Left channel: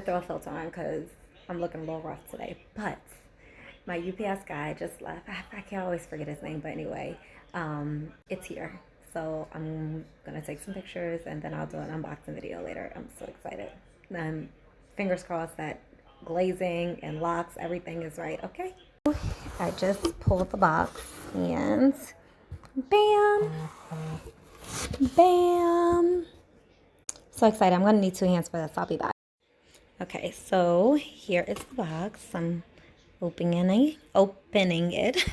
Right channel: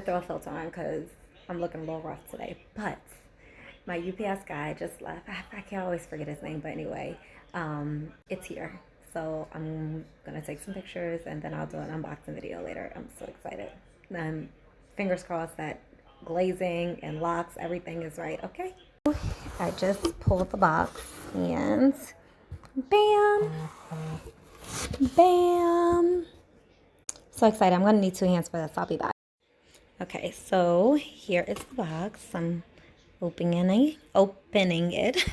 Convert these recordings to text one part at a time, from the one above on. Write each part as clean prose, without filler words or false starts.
to throw a filter on because I'm looking a little rough today. But my UPS guy just left. I can always forget his name, but anyway, it's here. So I'm gonna take some pictures and then I'll do an unboxing video later. I'm so excited. Fingers crossed that glazing and locks, everything is right. Okay. I just pulled the box and bam, bam. So excited. I'm gonna need 2 hands for this. I'll be back. Okay, so here is the box. I'm opening it.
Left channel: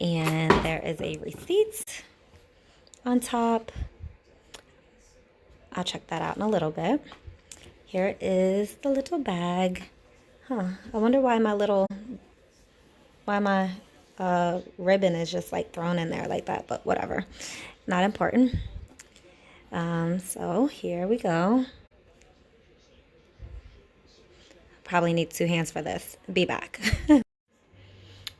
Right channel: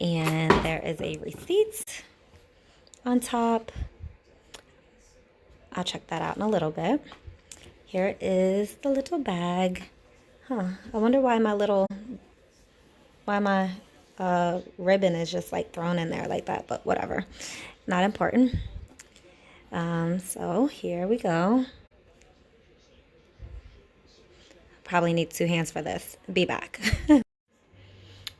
And there is a receipt on top. I'll check that out in a little bit. Here is the little bag. I wonder why my ribbon is just like thrown in there like that, but whatever. Not important. So here we go. Probably need 2 hands for this. Be back.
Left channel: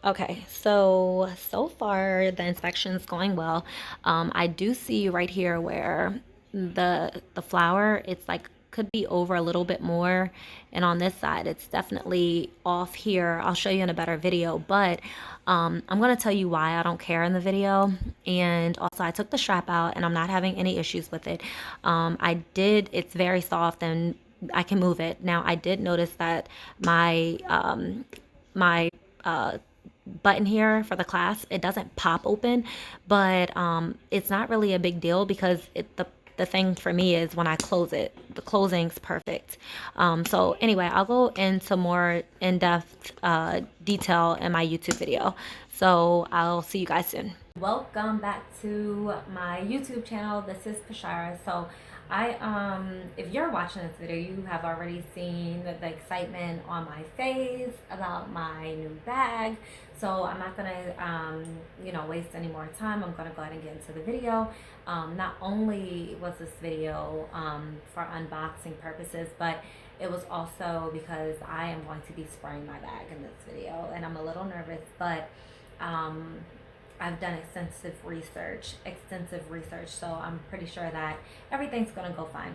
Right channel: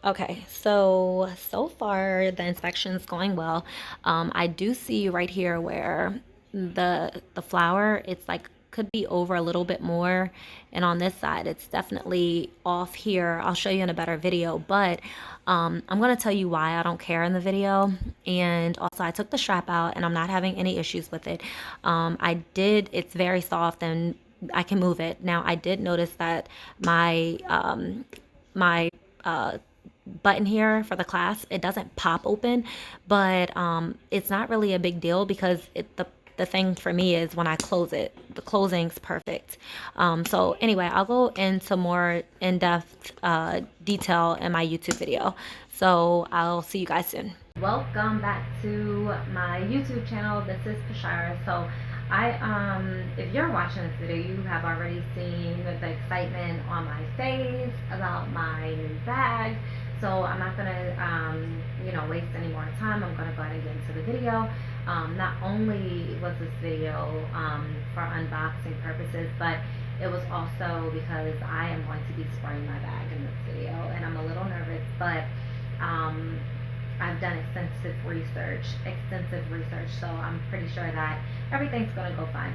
Okay, so far the inspection's going well. I do see right here where the flower, it's like could be over a little bit more, and on this side it's definitely off here. I'll show you in a better video, but I'm gonna tell you why I don't care in the video. And also I took the strap out and I'm not having any issues with it. It's very soft and I can move it. Now I did notice that my button here for the clasp, it doesn't pop open, but it's not really a big deal because the thing for me is when I close it, the closing's perfect. So anyway, I'll go into more in-depth detail in my YouTube video. So I'll see you guys soon. Welcome back to my YouTube channel. This is Pochette. So if you're watching this video, you have already seen the excitement on my face about my new bag. So I'm not gonna, waste any more time. I'm gonna go ahead and get into the video. Not only was this video for unboxing purposes, but it was also because I am going to be spraying my bag in this video, and I'm a little nervous, but I've done extensive research, so I'm pretty sure that everything's gonna go fine.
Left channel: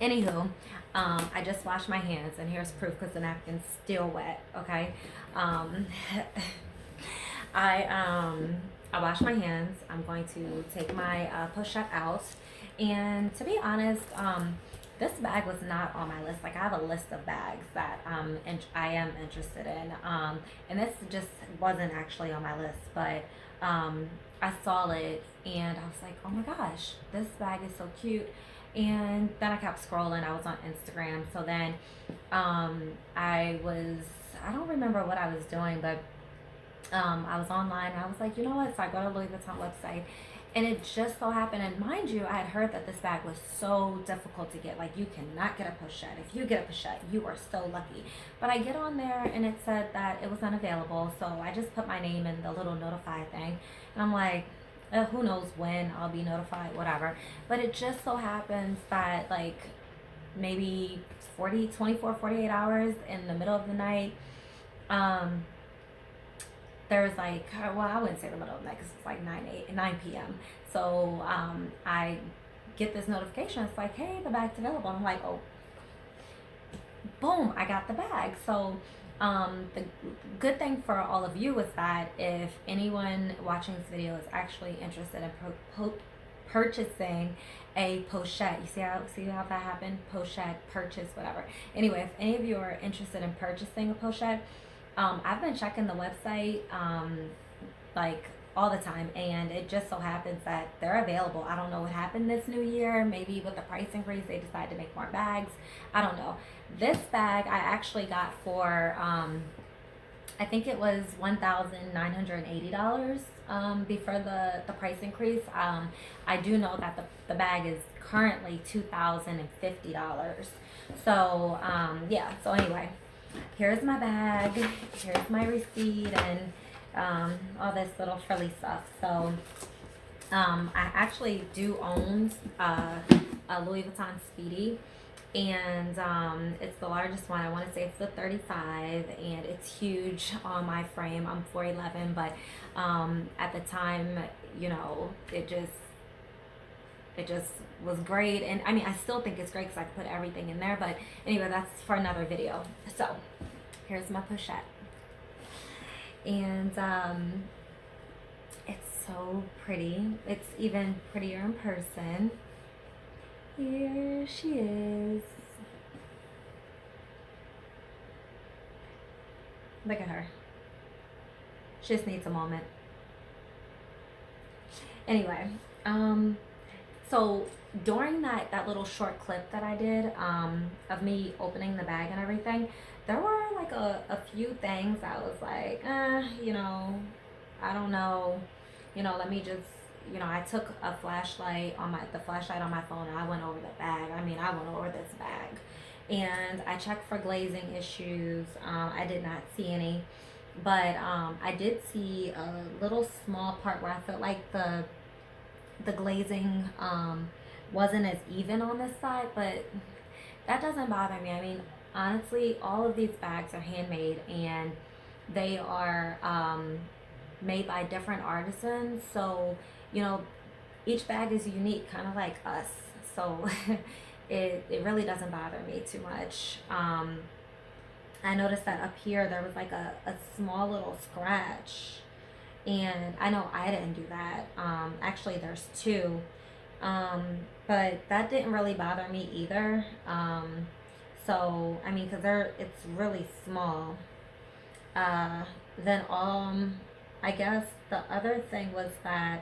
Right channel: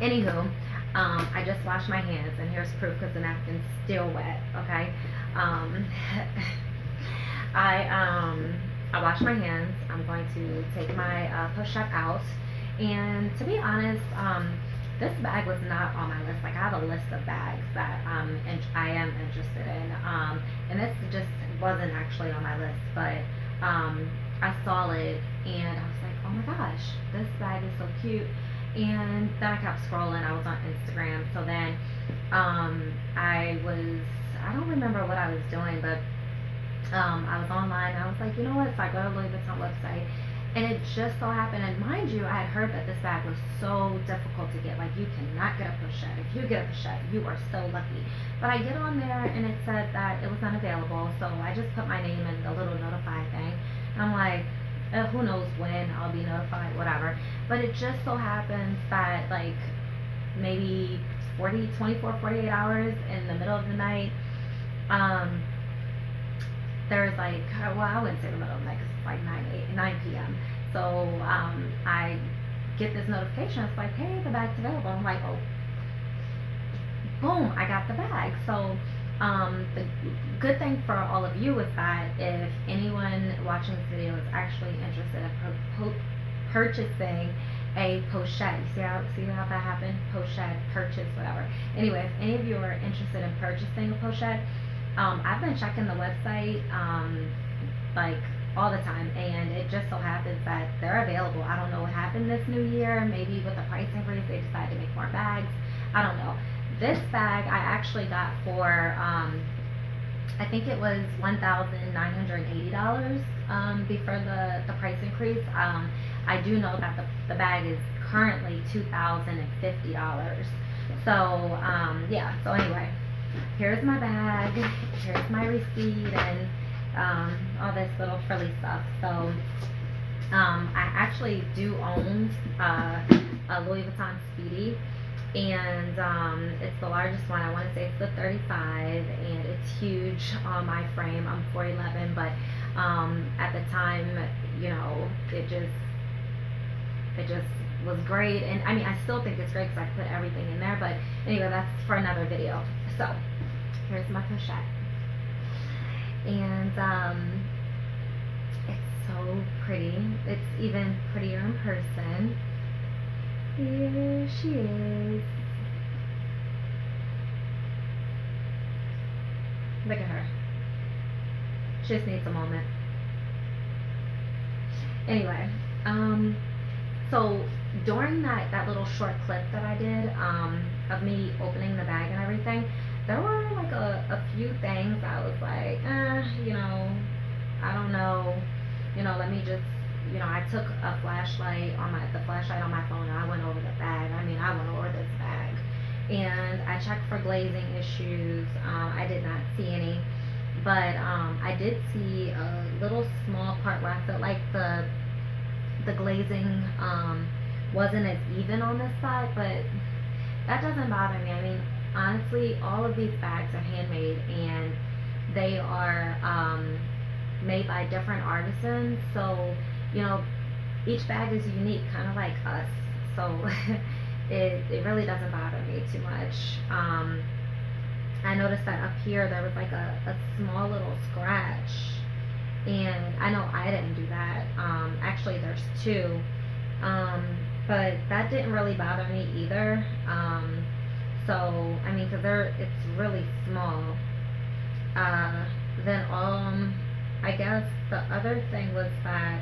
Anywho, I just washed my hands, and here's proof because the napkin's still wet. Okay, I washed my hands. I'm going to take my Pochette out, and to be honest, this bag was not on my list. Like I have a list of bags that I am interested in, and this just wasn't actually on my list, but I saw it and I was like, oh my gosh, this bag is so cute. And then I kept scrolling. I was on Instagram, so then I don't remember what I was doing, but I was online and I was like, you know what, so I go to Louis Vuitton website, and it just so happened, and mind you, I had heard that this bag was so difficult to get. Like you cannot get a Pochette. If you get a Pochette, you are so lucky. But I get on there and it said that it was unavailable, so I just put my name in the little notify thing, and I'm like, who knows when I'll be notified, whatever. But it just so happens that like maybe 48 hours in the middle of the night, there's like, well, I wouldn't say the middle of the night because it's like 9 p.m. So I get this notification. It's like, hey, the bag's available. I'm like, oh, boom, I got the bag. So the good thing for all of you is that if anyone watching this video is actually interested in purchasing a Pochette, you see how that happened? Pochette, purchase, whatever. Anyway, if any of you are interested in purchasing a Pochette, I've been checking the website like all the time, and it just so happens that they're available. I don't know what happened this new year. Maybe with the price increase, they decided to make more bags. I don't know. This bag I actually got for I think it was $1,980 before the price increase. I do know that the bag is currently $2,050. So yeah. So anyway, here's my bag. Here's my receipt and all this little frilly stuff. So I actually do own a Louis Vuitton Speedy, and it's the largest one. I want to say it's the 35, and it's huge on my frame. I'm 4'11", but at the time, it just it just was great. And I mean, I still think it's great because I could put everything in there. But anyway, that's for another video. So here's my pochette. And it's so pretty. It's even prettier in person. Here she is. Look at her. She just needs a moment. Anyway, so during that little short clip that I did of me opening the bag and everything, there were like a few things I was like, you know, I don't know, you know, let me just, you know, I took a flashlight on the flashlight on my phone and I went over the bag. I mean, I went over this bag and I checked for glazing issues. I did not see any, but I did see a little small part where I felt like the glazing wasn't as even on this side, but that doesn't bother me. I mean, honestly, all of these bags are handmade and they are made by different artisans, so you know, each bag is unique, kind of like us, so it really doesn't bother me too much. I noticed that up here there was like a small little scratch, and I know I didn't do that. Actually, there's two, but that didn't really bother me either. So I mean, because it's really small. Then I guess the other thing was that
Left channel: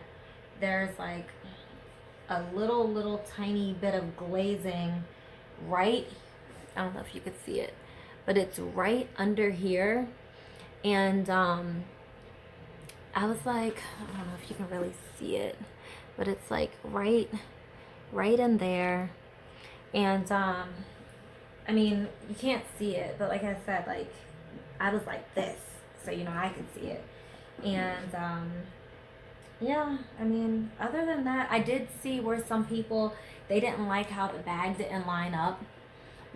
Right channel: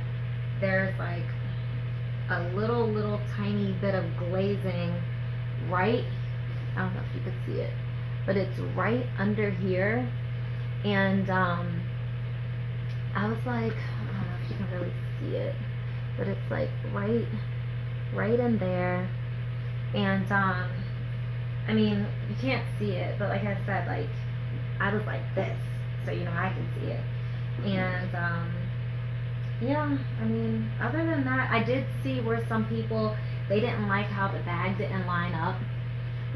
there's like a little tiny bit of glazing right, I don't know if you can see it, but it's right under here. And I was like, I don't know if you can really see it, but it's like right in there. And I mean, you can't see it, but like I said, like I was like this, so you know I can see it. And yeah, I mean, other than that, I did see where some people, they didn't like how the bag didn't line up.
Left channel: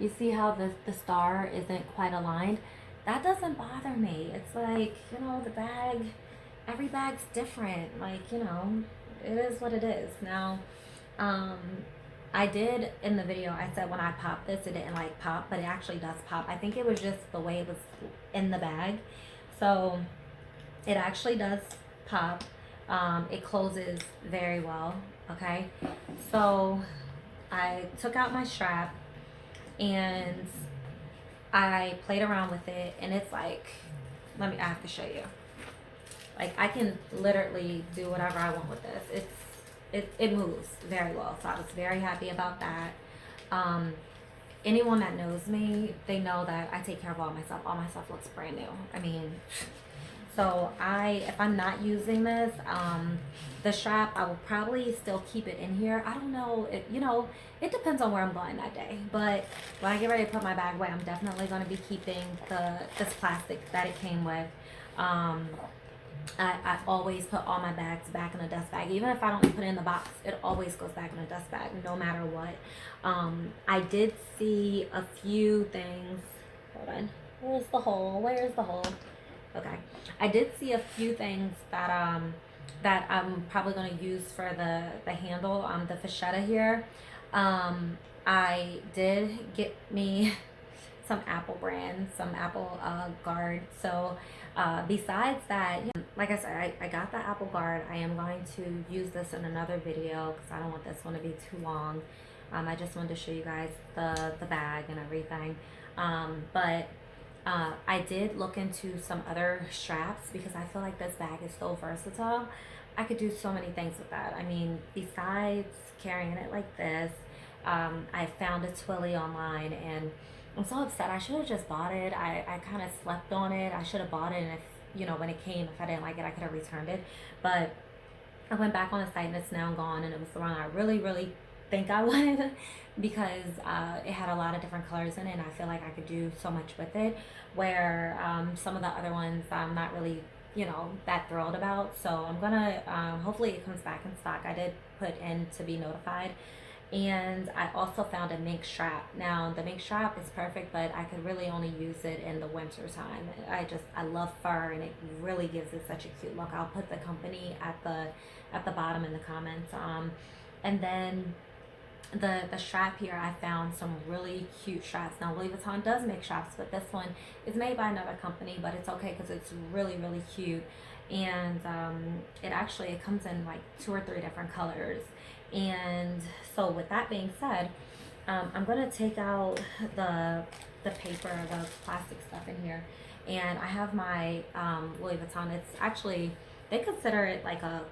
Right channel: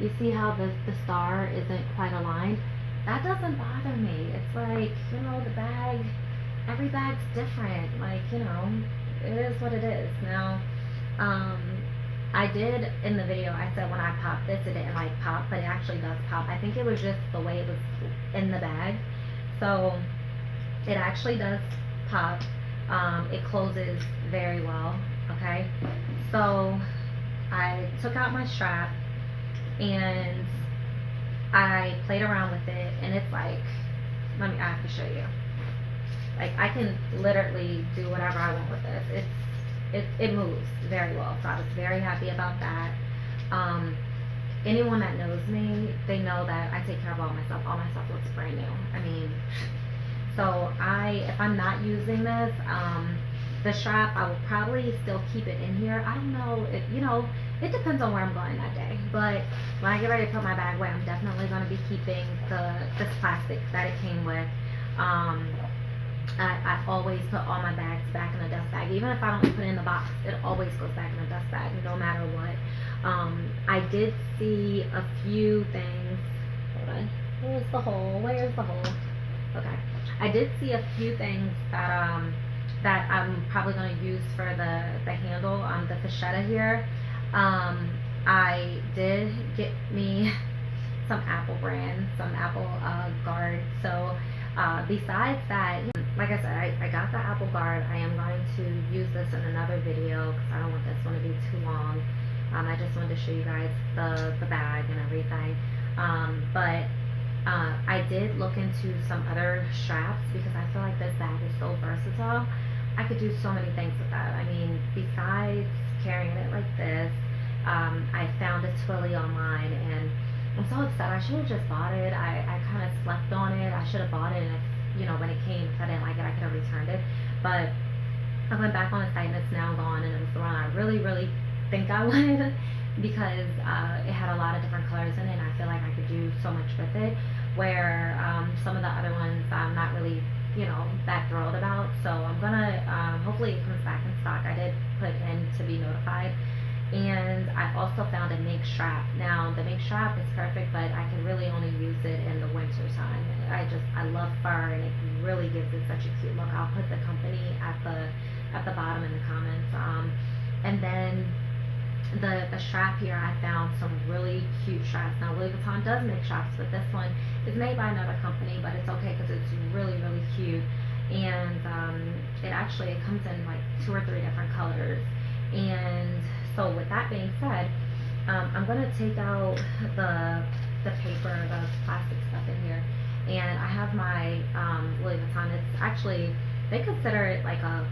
You see how the star isn't quite aligned? That doesn't bother me. It's like, you know, the bag, every bag's different. Like, you know, it is what it is. Now, I did in the video, I said when I popped this, it didn't like pop, but it actually does pop. I think it was just the way it was in the bag. So it actually does pop. It closes very well. Okay, so I took out my strap and I played around with it, and it's like, I have to show you. Like, I can literally do whatever I want with this. It moves very well, so I was very happy about that. Anyone that knows me, they know that I take care of all my stuff. All my stuff looks brand new. I mean, so if I'm not using this, the strap, I will probably still keep it in here. I don't know, you know, it depends on where I'm going that day. But when I get ready to put my bag away, I'm definitely going to be keeping this plastic that it came with. I always put all my bags back in the dust bag. Even if I don't put it in the box, it always goes back in the dust bag, no matter what. I did see a few things. Hold on. Where's the hole? Where's the hole? Okay. I did see a few things that that I'm probably going to use for the handle on the Pochette here. I did get me some Apple brand, some Apple guard. So besides that, like I said, I got the Apple guard. I am going to use this in another video because I don't want this one to be too long. I just wanted to show you guys the bag and everything. But I did look into some other straps because I feel like this bag is so versatile. I could do so many things with that. I mean, besides carrying it like this, I found a Twilly online and I'm so upset. I should have just bought it. I kind of slept on it. I should have bought it, and if, you know, when it came, if I didn't like it, I could have returned it. But I went back on the site and it's now gone, and it was the one I really think I wanted because it had a lot of different colors in it, and I feel like I could do so much with it, where some of the other ones I'm not really, you know, that thrilled about. So I'm gonna, hopefully it comes back in stock. I did put in to be notified. And I also found a mink strap. Now the mink strap is perfect, but I can really only use it in the winter time. I love fur, and it really gives it such a cute look. I'll put the company at the bottom in the comments. And then the strap here, I found some really cute straps. Now Louis Vuitton does make straps, but this one is made by another company, but it's okay because it's really really cute. And it comes in like 2 or 3 different colors. And so with that being said, I'm gonna take out the paper, the plastic stuff in here, and I have my Louis Vuitton. It's actually, they consider it like a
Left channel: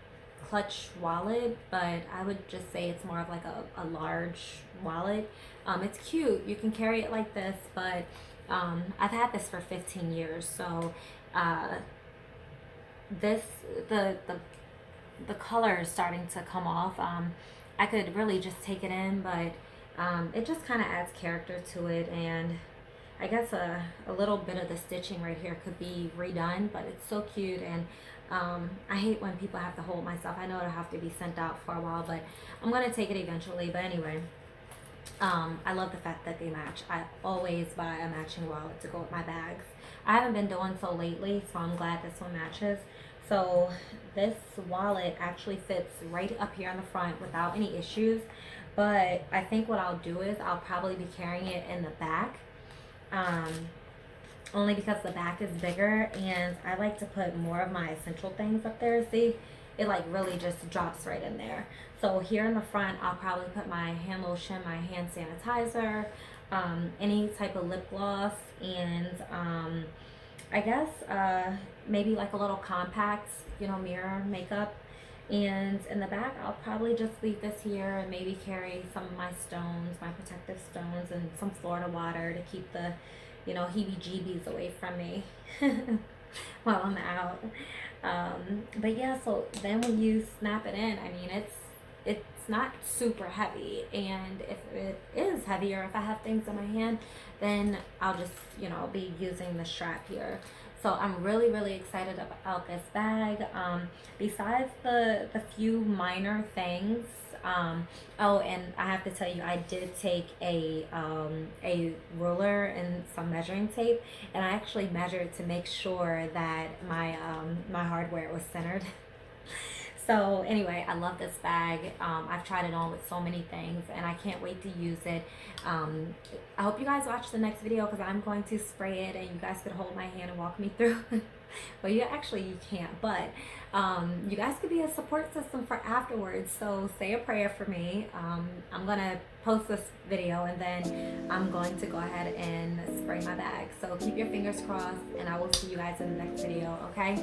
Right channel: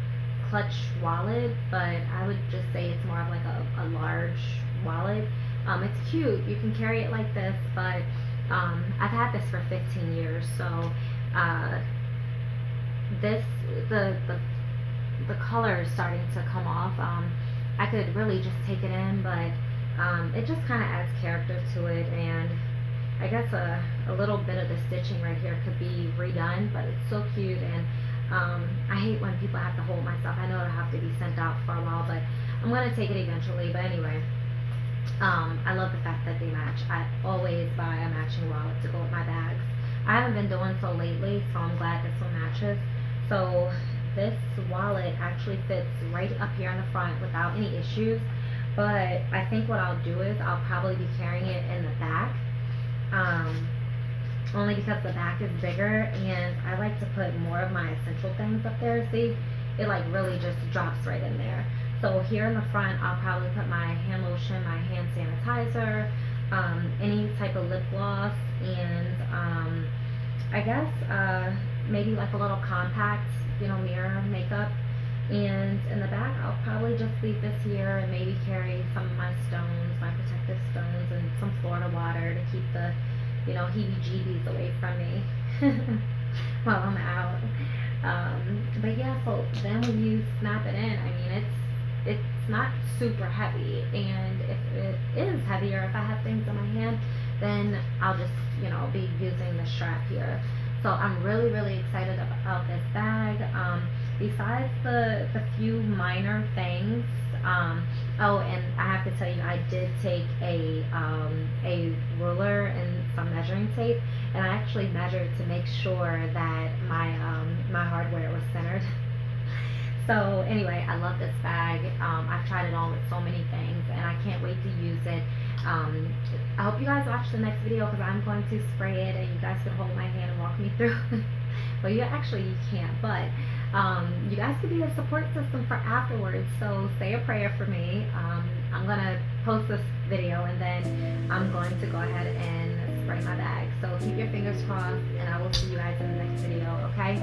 clutch wallet, but I would just say it's more of like a large wallet. It's cute. You can carry it like this, but I've had this for 15 years, so uh, this the color is starting to come off. I could really just take it in, but it just kind of adds character to it, and I guess a little bit of the stitching right here could be redone, but it's so cute. And I hate when people have to hold my stuff. I know it'll have to be sent out for a while, but I'm going to take it eventually. But anyway, I love the fact that they match. I always buy a matching wallet to go with my bags. I haven't been doing so lately, so I'm glad this one matches. So this wallet actually fits right up here in the front without any issues. But I think what I'll do is I'll probably be carrying it in the back. Only because the back is bigger, and I like to put more of my essential things up there. See, it like really just drops right in there. So here in the front, I'll probably put my hand lotion, my hand sanitizer, any type of lip gloss, and I guess maybe like a little compact, mirror makeup. And in the back, I'll probably just leave this here and maybe carry some of my stones, my protective stones, and some Florida water to keep the, heebie-jeebies away from me while I'm out. But yeah, so then when you snap it in, I mean, it's not super heavy, and if it is heavier, if I have things in my hand, then I'll just, be using the strap here. So I'm really, really excited about this bag. Besides the few minor things, oh, and I have to tell you, I did take a ruler and some measuring tape, and I actually measured to make sure that my hardware was centered. So anyway, I love this bag. I've tried it on with so many things, and I can't wait to use it. I hope you guys watch the next video, because I'm going to spray it, and you guys can hold my hand and walk me through. Well, you can't, but you guys could be a support system for afterwards. So say a prayer for me. I'm gonna post this video, and then I'm going to go ahead and spray my bag. So keep your fingers crossed, and I will see you guys in the next video. Okay.